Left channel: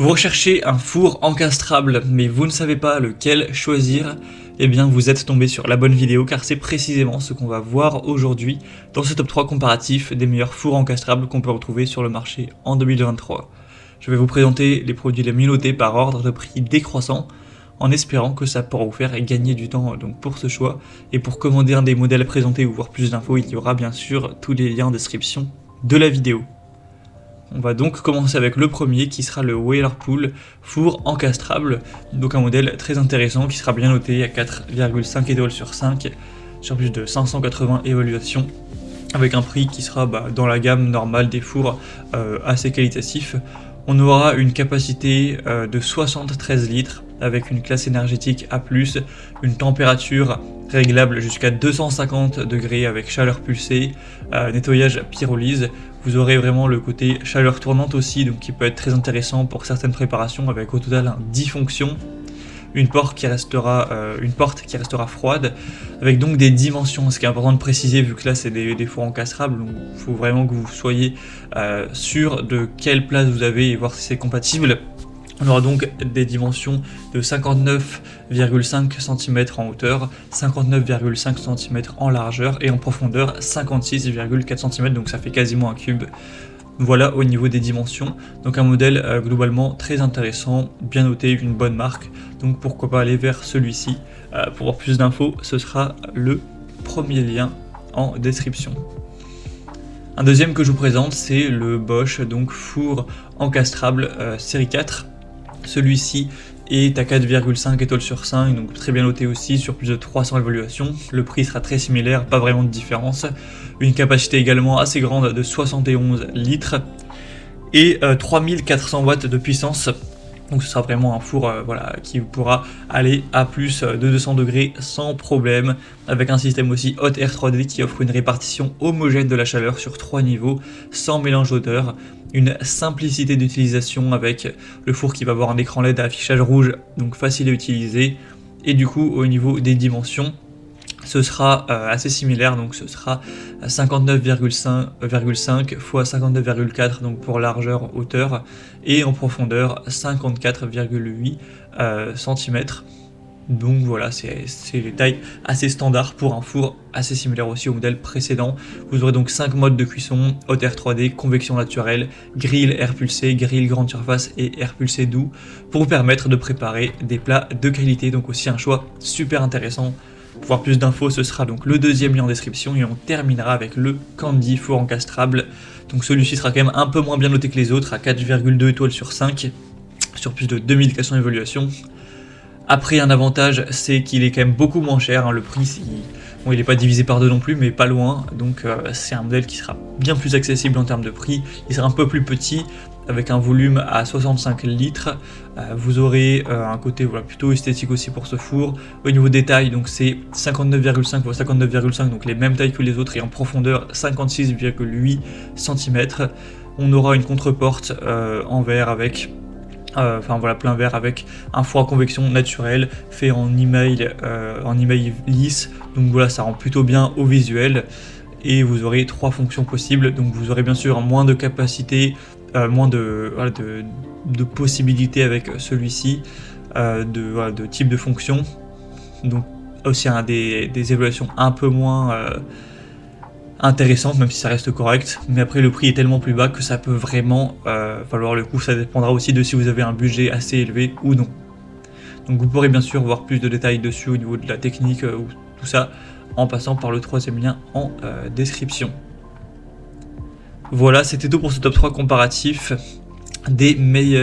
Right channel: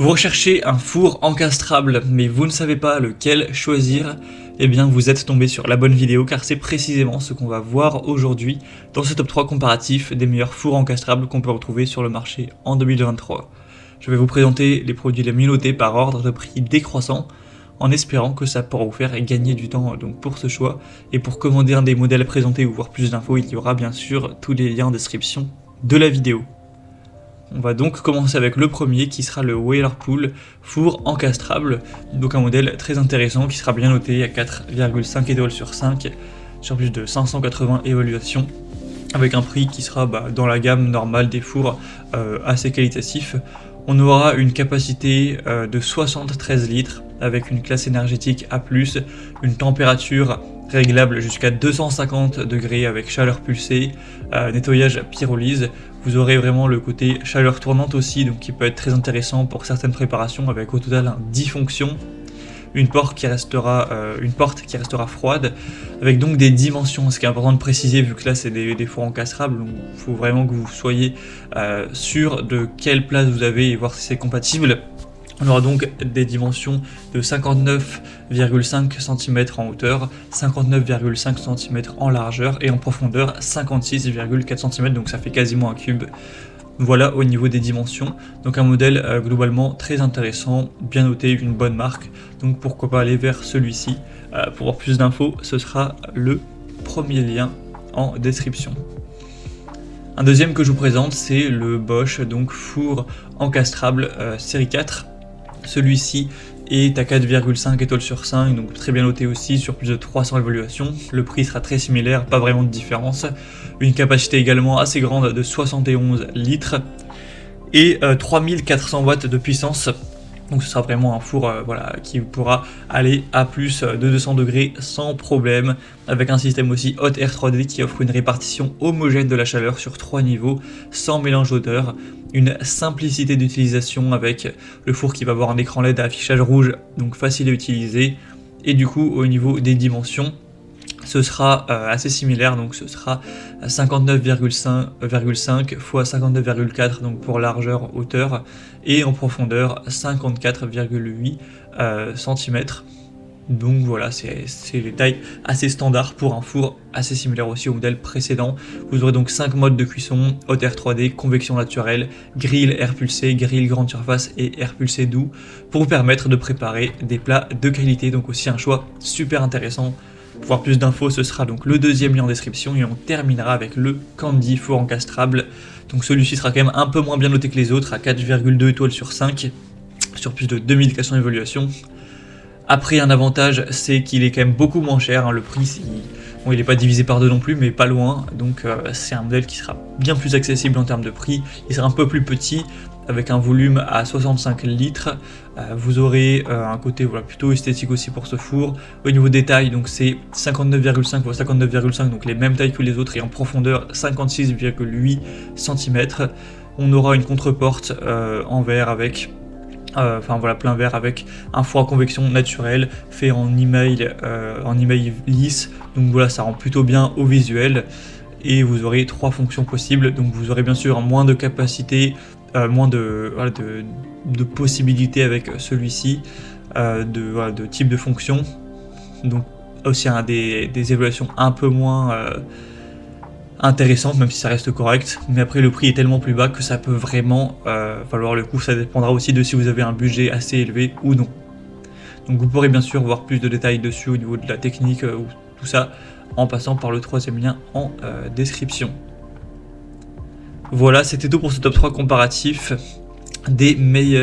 Vous recherchez un four encastrable, mais vous ne savez pas lequel choisir, eh bien vous êtes tombé sur la bonne vidéo car c'est précisément ce qu'on va voir aujourd'hui dans ce top 3 comparatif des meilleurs fours encastrables qu'on peut retrouver sur le marché en 2023. Je vais vous présenter les produits les mieux notés par ordre de prix décroissant en espérant que ça pourra vous faire gagner du temps donc pour ce choix. Et pour commander un des modèles présentés ou voir plus d'infos, il y aura bien sûr tous les liens en description de la vidéo. On va donc commencer avec le premier qui sera le Whirlpool four encastrable, donc un modèle très intéressant qui sera bien noté à 4,5 étoiles sur 5 sur plus de 580 évaluations avec un prix qui sera dans la gamme normale des fours assez qualitatif. On aura une capacité de 73 litres avec une classe énergétique A+, une température réglable jusqu'à 250 degrés avec chaleur pulsée, nettoyage pyrolyse. Vous aurez vraiment le côté chaleur tournante aussi, donc qui peut être très intéressant pour certaines préparations avec au total 10 fonctions. Une porte qui restera froide, avec donc des dimensions, ce qui est important de préciser vu que là c'est des fours encastrables, donc il faut vraiment que vous soyez sûr de quelle place vous avez et voir si c'est compatible. On aura donc des dimensions de 59,5 cm en hauteur, 59,5 cm en largeur et en profondeur 56,4 cm, donc ça fait quasiment un cube. Voilà au niveau des dimensions, donc un modèle globalement très intéressant, bien noté, une bonne marque, donc pourquoi pas aller vers celui-ci. Pour avoir plus d'infos, ce sera le premier lien en description. Un deuxième que je vous présente, c'est le Bosch donc four encastrable série 4. Celui-ci est à 4,5 étoiles sur 5, donc très bien noté aussi sur plus de 300 évaluations. Le prix sera très similaire, pas vraiment de différence. Une capacité également assez grande de 71 litres et 3400 watts de puissance. Donc ce sera vraiment un four qui pourra aller à plus de 200 degrés sans problème, avec un système aussi Hot Air 3D qui offre une répartition homogène de la chaleur sur 3 niveaux, sans mélange d'odeur, une simplicité d'utilisation avec le four qui va avoir un écran LED à affichage rouge, donc facile à utiliser, et du coup au niveau des dimensions, ce sera assez similaire, donc ce sera 59,5 x 59,4 donc pour largeur, hauteur, et en profondeur 54,8 cm. Donc voilà, c'est une taille assez standard pour un four, assez similaire aussi au modèle précédent. Vous aurez donc 5 modes de cuisson: Hot Air 3D, convection naturelle, grill air pulsé, grill grande surface et air pulsé doux, pour vous permettre de préparer des plats de qualité. Donc aussi un choix super intéressant. Pour voir plus d'infos, ce sera donc le deuxième lien en description, et on terminera avec le Candy four encastrable. Donc celui-ci sera quand même un peu moins bien noté que les autres, à 4,2 étoiles sur 5 sur plus de 2400 évaluations. Après, un avantage, c'est qu'il est quand même beaucoup moins cher, hein. Le prix, bon, il n'est pas divisé par deux non plus, mais pas loin, donc c'est un modèle qui sera bien plus accessible en termes de prix. Il sera un peu plus petit, avec un volume à 65 litres. Vous aurez un côté plutôt esthétique aussi pour ce four. Au niveau des tailles, donc c'est 59,5 x 59,5, donc les mêmes tailles que les autres, et en profondeur 56,8 cm. On aura une contre-porte en verre avec plein verre, avec un four à convection naturel fait en email lisse, donc voilà, ça rend plutôt bien au visuel. Et vous aurez 3 fonctions possibles, donc vous aurez bien sûr moins de capacité, moins de possibilités avec celui-ci, de type de fonction, donc aussi des évaluations un peu moins intéressante, même si ça reste correct, mais après le prix est tellement plus bas que ça peut vraiment valoir le coup. Ça dépendra aussi de si vous avez un budget assez élevé ou non. Donc vous pourrez bien sûr voir plus de détails dessus au niveau de la technique ou tout ça en passant par le troisième lien en description. Voilà, c'était tout pour ce top 3 comparatif des meilleurs